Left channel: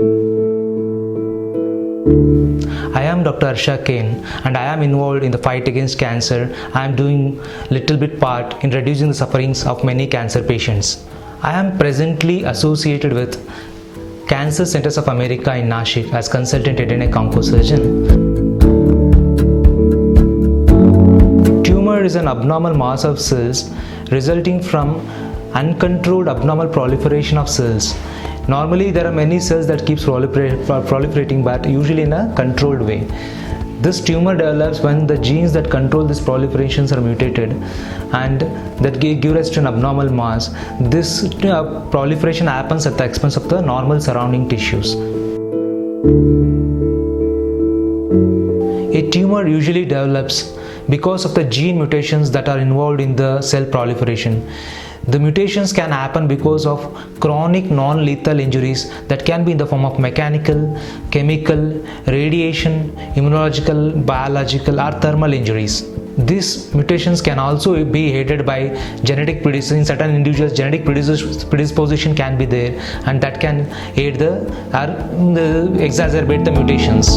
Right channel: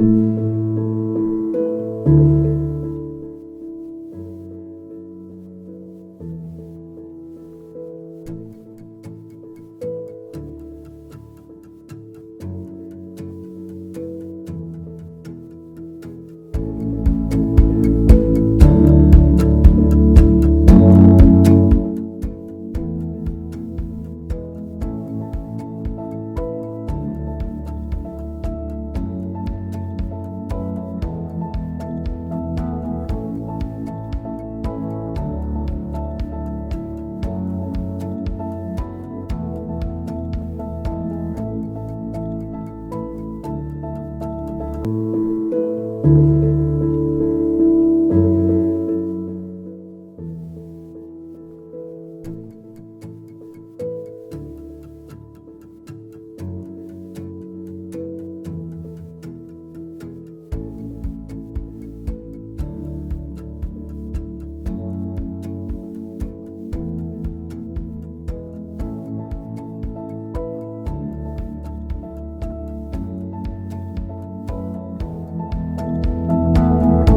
I am Dr. Arsha Kane and I am involved in the fight against cancer. I am doing little bit part in reducing the sufferings of many cancer patients. I am presently associated with Cancer Centers of America in Nashik as consultant head and neck oncosurgeon. Tumor is an abnormal mass of cells resulting from uncontrolled abnormal proliferation of cells. Normally there are many cells that keeps proliferating, but usually in a controlled way. This tumor develops when the genes that control these proliferations are mutated and that give rise to an abnormal mass. This proliferation happens at the expense of the normal surrounding tissues. A tumor usually develops because of the gene mutations that are involved in the cell proliferation. The mutations can happen because of chronic non-lethal injuries that can be in the form of mechanical, chemical, radiation, immunological, biological or thermal injuries. These mutations can also be aided by genetic predisposition. In certain individuals, genetic predisposition can be there, and that can aid exacerbate the mutations.